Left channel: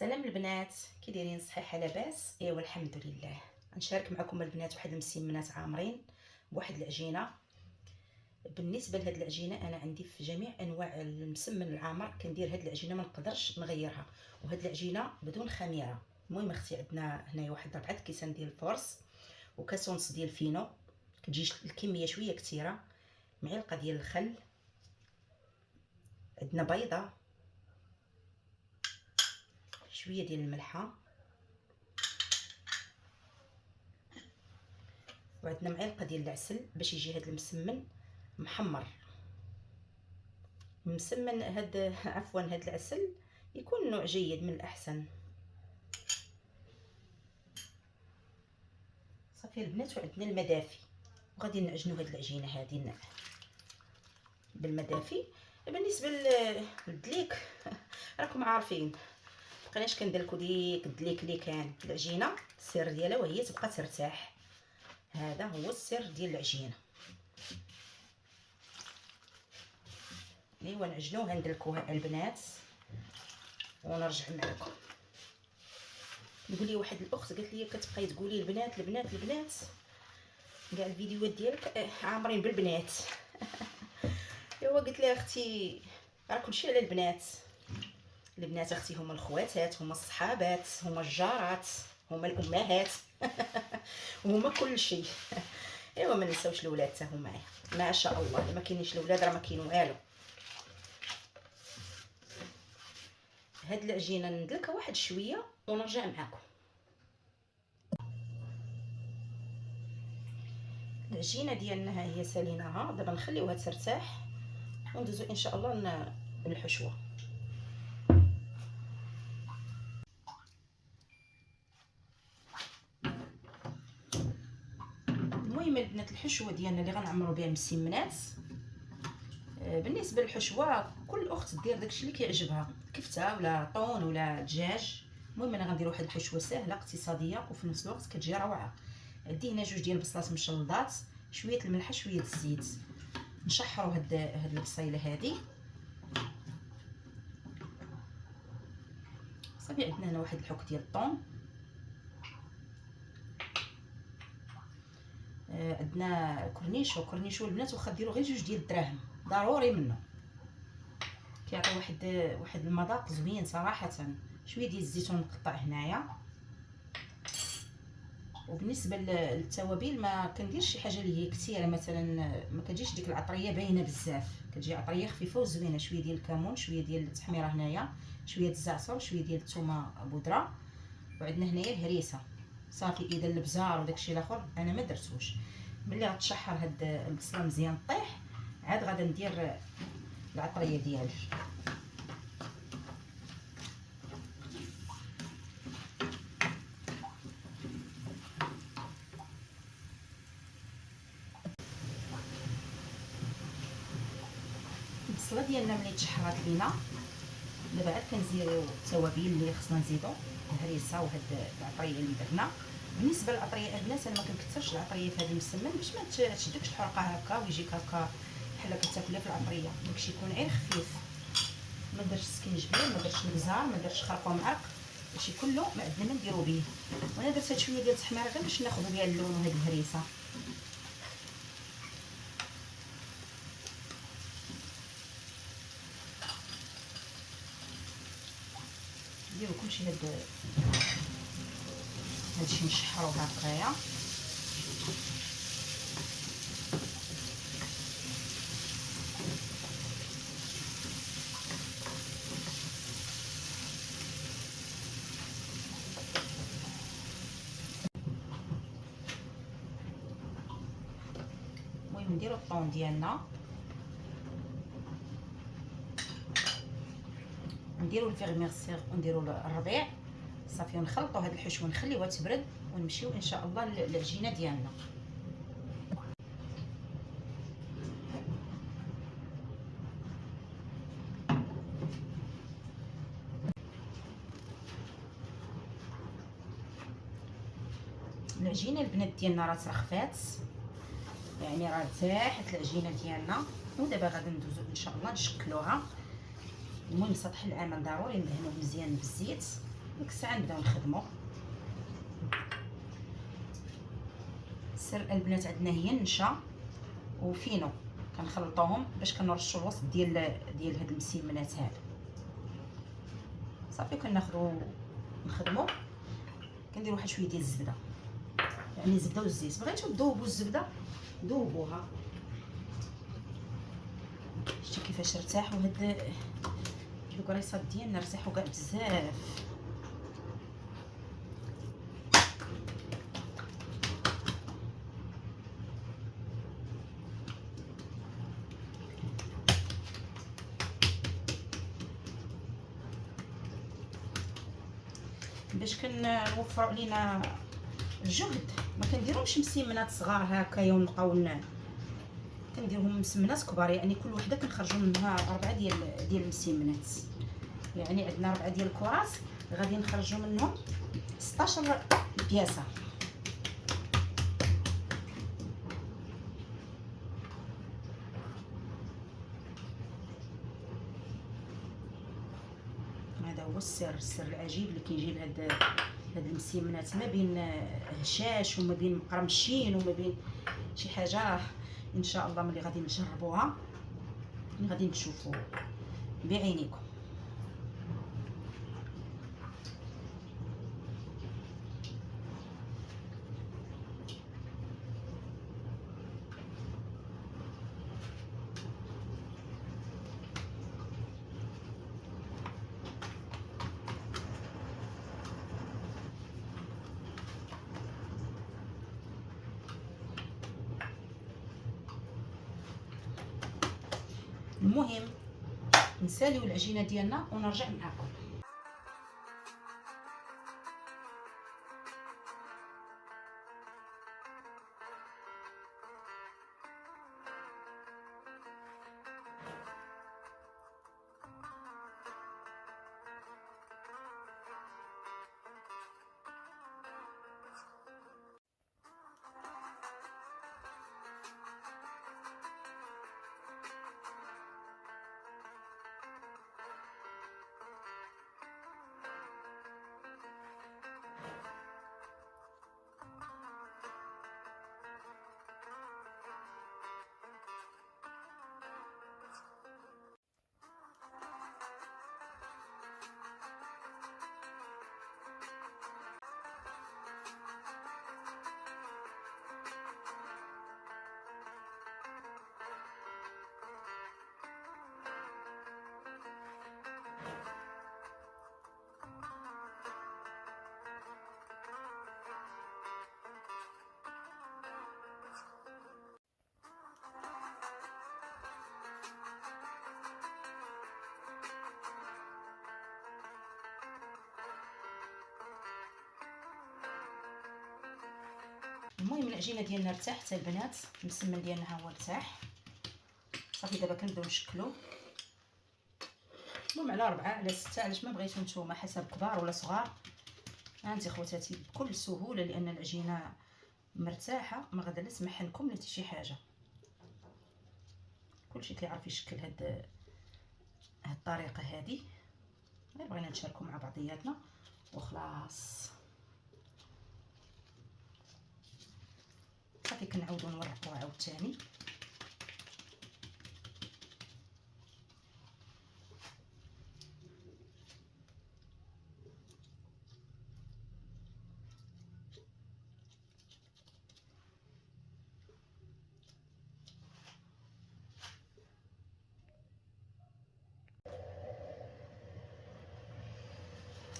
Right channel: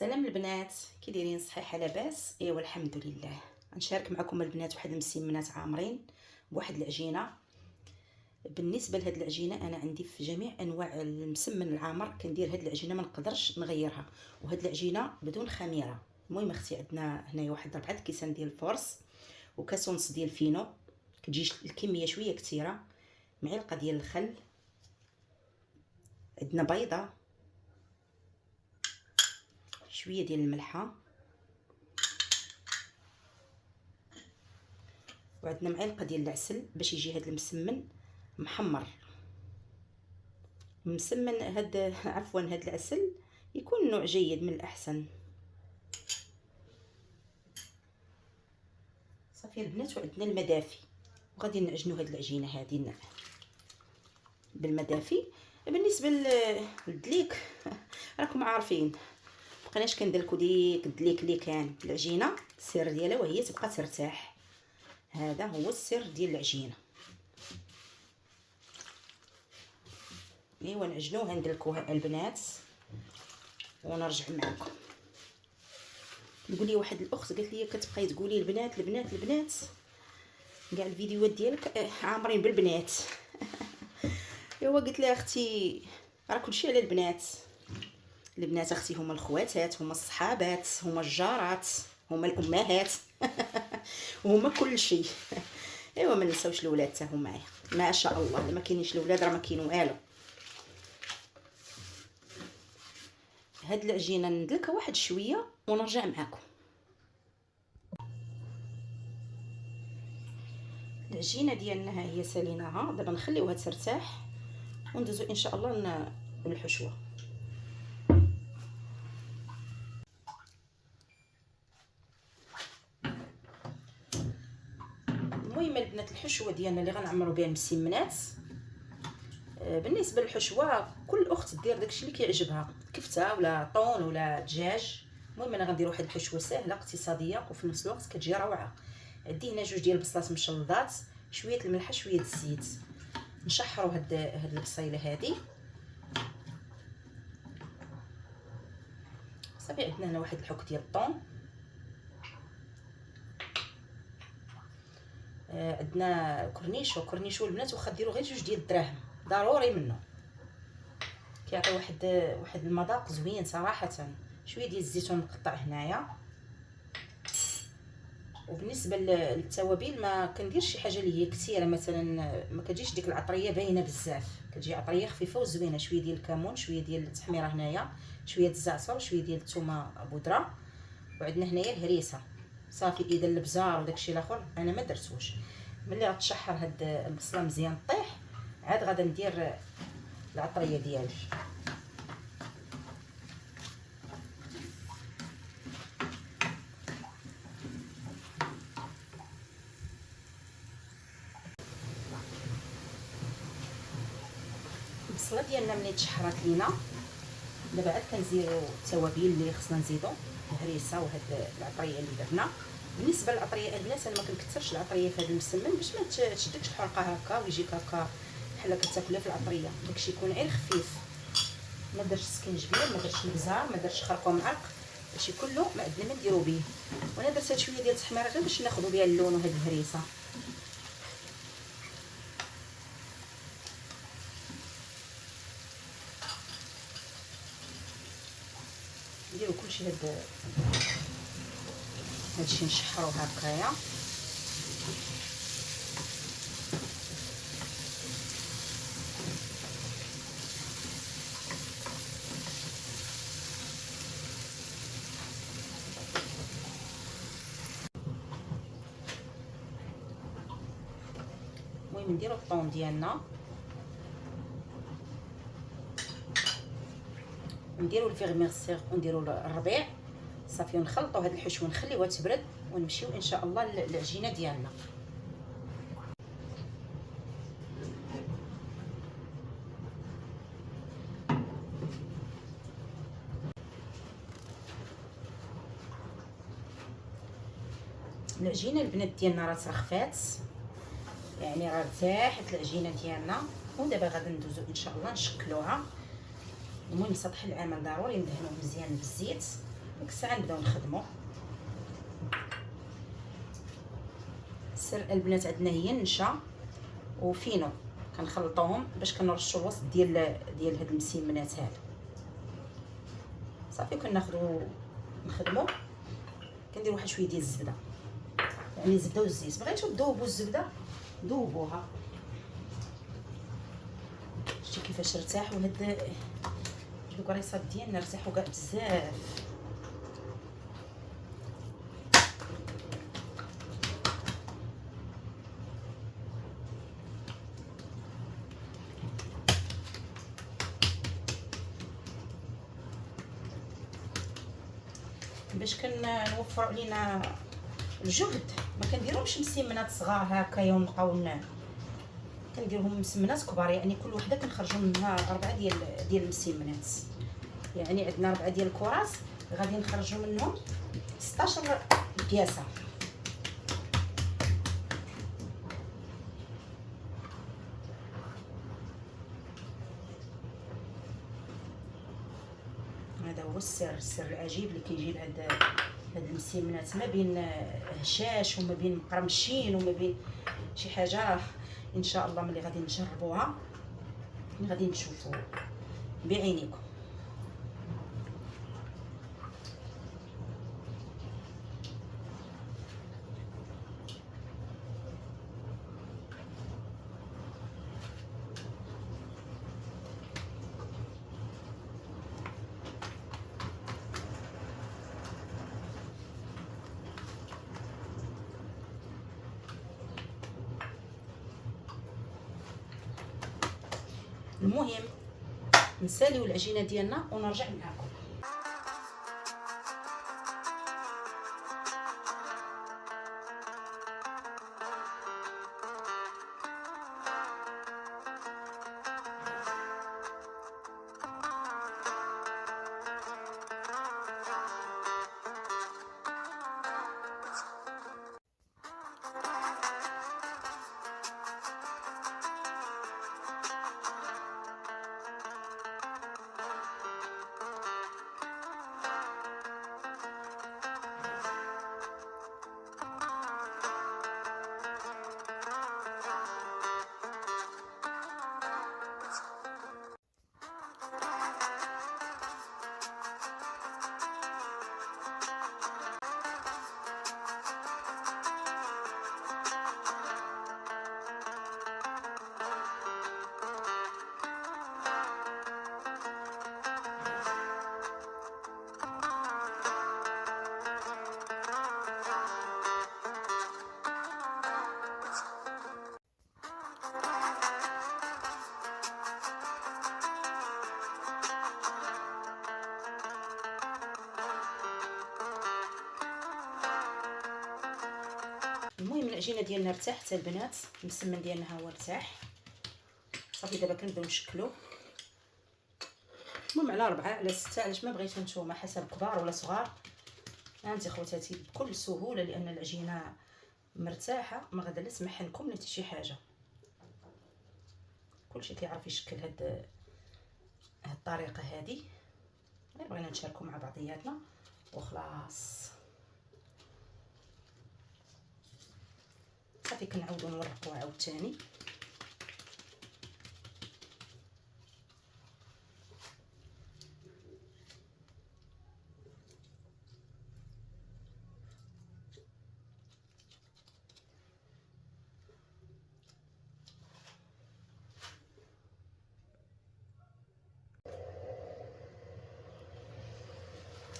سلام البنات، كي دايرين؟ صحيحه لاباس؟ ايوا الحمد لله. نشارك معكم البنات واحد المسمنات عامرين بواحد العجينه. بالنسبه لهاد العجينه انا عندي في جميع انواع المسمن العامر كندير هاد العجينه، ما نقدرش نغيرها. وهاد العجينه بدون خميره. المهم اختي عندنا هنايا واحد 4 كيسان ديال الفورس وكاس ونص ديال الفينو، كتجي الكميه شويه كثيره، معلقه ديال الخل، عندنا بيضه، شويه ديال الملحه، وعندنا معلقه ديال العسل باش يجي هذا المسمن محمر مسمن. هاد عفوا هاد العسل يكون نوع جيد من الاحسن. صافي البنات، وعندنا المدافي وغادي نعجنوا هاد العجينه هادي بالمدافي. بالنسبه للدليك راكم عارفين، مبقيناش كندلكو ديك الدليك اللي كان العجينه السر ديالها وهي تبقى ترتاح. هذا هو السر ديال العجينه. ايوا نعجنوها ندلكوها البنات ونرجع معكم. نقول لي واحد الاخت قالت لي كتبقاي تقولي البنات البنات البنات، كاع الفيديوهات ديالك عامرين بالبنات. ايوا قلت لها اختي راه كلشي على البنات. البنات اختي هما الخواتات، هما الصحابات، هما الجارات، هما الامهات. هما كل شيء. ايوا ما ننساوش الاولاد حتى هما معايا، ما شاء الله. ما كاينينش الاولاد راه ما كاين والو. هاد العجينه ندلكها واحد شويه ونرجع معكم. العجينه ديالنا ها هي ساليناها، دابا نخليوها ترتاح وندوزو ان شاء الله للحشوه. المهم البنات، الحشوه ديالنا اللي غنعمروا بها المسمنات، بالنسبه للحشوه كل اخت دير داكشي اللي كيعجبها، كفته ولا طون ولا دجاج. المهم انا غندير واحد الحشوه سهله اقتصاديه وفي نفس الوقت كتجي روعه. عندي هنا 2 ديال البصلات مشلضات، شويه الملح، شويه الزيت. نشحروا هاد البصيله هادي. صافي عندنا هنا واحد الحك ديال الطون، عندنا كورنيشو البنات، واخا ديروا غير 2 ديال الدراهم ضروري منه، كيعطي واحد المذاق زوين صراحه. شويه ديال الزيتون مقطع هنايا. وبالنسبه للتوابل ما كنديرش شي حاجه اللي هي كثيره، مثلا ما كتجيش ديك العطريه باينه بزاف، كتجي عطريه خفيفه وزوينه. شويه ديال الكمون، شويه ديال التحميره هنايا، شويه الزعتر، شويه ديال الثومه بودره، وعندنا هنايا الهريسه. صافي اذا البزار وداكشي الاخر انا ما درتوش. ملي غتشحر هاد البصله مزيان طيح، عاد غادا ندير العطريه ديالي. البصله ديالنا ملي تشحرات لينا، دابا عاد كنزيدو التوابل اللي خصنا نزيدو، الهريسه وهاد العطريه اللي درنا. بالنسبه للعطريه البنات انا ما كنكثرش العطريه في هذا المسمن باش ما تشدكش الحرقه هكا ويجيك هكا بحال كتاكلها في العطريه. داكشي يكون غير خفيف، ما درتش سكينجبير، ما درتش البزار، ما درتش خرقوم عرق، هادشي كله ما عندنا ما نديرو به. وانا درت هاد شويه ديال التحميره غير باش ناخذ بها اللون وهاد الهريسه. نديرو كلشي هادشي نشحرو هكايا. المهم نديرو الطون ديالنا، نديرو الفيغميرسيغ ونديرو الربيع. صافي ونخلطوا هاد الحشوه، نخليوها تبرد ونمشيو ان شاء الله للعجينه ديالنا. العجينه البنات ديالنا راه ترخفات، يعني راه ارتاحت العجينه ديالنا. ودابا غادي ندوزو ان شاء الله نشكلوها. المهم سطح العمل ضروري ندهنوه مزيان بالزيت ديك الساعه نبداو نخدمو. السر البنات عندنا هي النشا وفينو، كنخلطوهم باش كنرشو الوسط ديال هاد المسيمنات هادو. صافي كناخدو نخدمو. كندير واحد شويه ديال الزبده، يعني الزبده والزيت. بغيتو تذوبوا الزبده ذوبوها. شتي كيفاش ارتاحوا هاد الكريصات ديالنا، ارتاحوا كاع بزاف. باش كنوفروا علينا الجهد ما كنديرهمش مسمنات صغار هكايا ونبقاو كنديرهم مسمنات كبار، يعني كل وحده كنخرجوا منها 4 ديال المسمنات. يعني عندنا 4 ديال الكراس غادي نخرجوا منهم 16 بياسه. هذا هو السر العجيب اللي كيجي لهاد المسمنات، ما بين هشاش وما بين مقرمشين وما بين شي حاجه. ان شاء الله ملي غادي نجربوها غادي نشوفوا بعينيكم. المهم نساليو العجينه ديالنا ونرجع معكم. المهم العجينه ديالنا ارتاحت البنات، المسمن ديالنا ها هو ارتاح. صافي دابا كنبداو نشكلو. المهم على 4 على 6 علاش ما بغيتو نتوما، حسب كبار ولا صغار. هانتي خواتاتي بكل سهوله، لان العجينه مرتاحه، ما غادا لا تسمح لكم لا حتى شي حاجه. كلشي كيعرف يشكل هاد الطريقه هذه، غير بغينا نشاركو مع بعضياتنا وخلاص. صافي كنعاودو نورقو عاوتاني.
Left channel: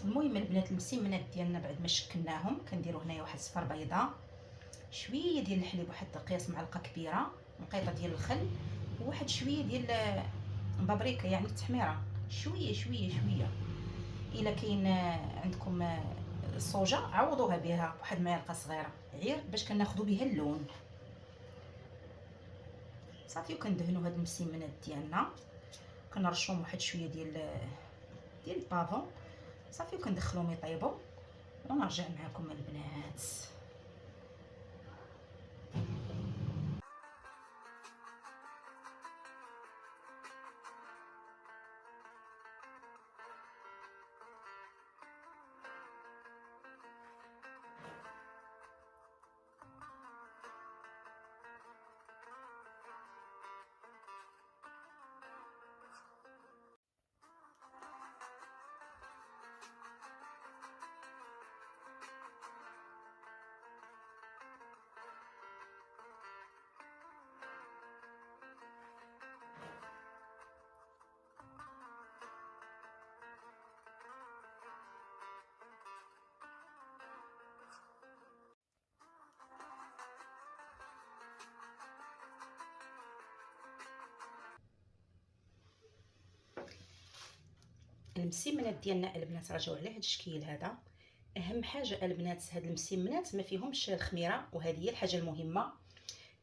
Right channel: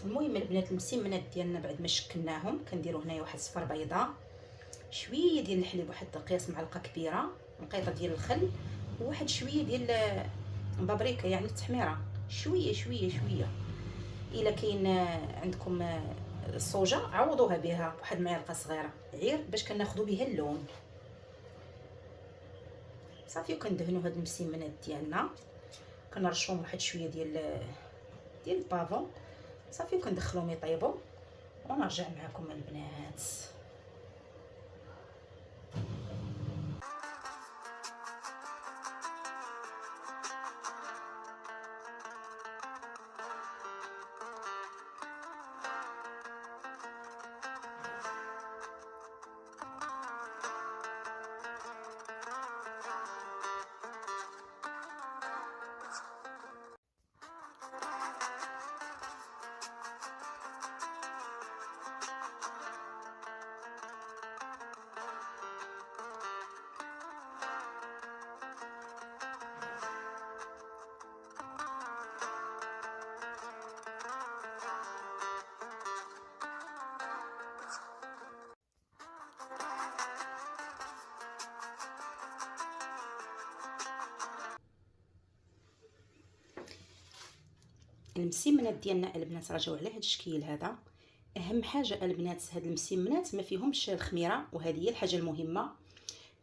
المهم البنات المسمنات ديالنا بعد ما شكلناهم كنديروا هنايا واحد صفر بيضاء، شويه ديال الحليب، واحد قياس معلقه كبيره، نقيطه ديال الخل، وواحد شويه ديال بابريكا يعني التحميره، شويه شويه شويه. الا كاين عندكم الصوجه عوضوها بها واحد معلقه صغيره، غير باش كناخذوا بها اللون. صافي وكندهنوا هاد المسمنات ديالنا، كنرشوهم واحد شويه ديال البافون. صافي وكندخلوهم يطيبوا ونرجع معكم البنات. المسمنات ديالنا البنات راجعوا على هذا الشكل هذا. اهم حاجه البنات هاد المسمنات ما فيهمش الخميره، وهذه هي الحاجه المهمه،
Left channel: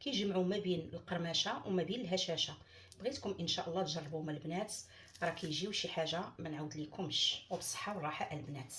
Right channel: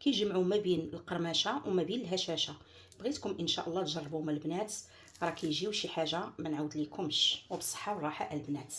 كيجمعوا ما بين القرمشه وما بين الهشاشه. بغيتكم ان شاء الله تجربوهم البنات، راه كيجيو شي حاجه ما نعاود لكمش. وبالصحه والراحه البنات.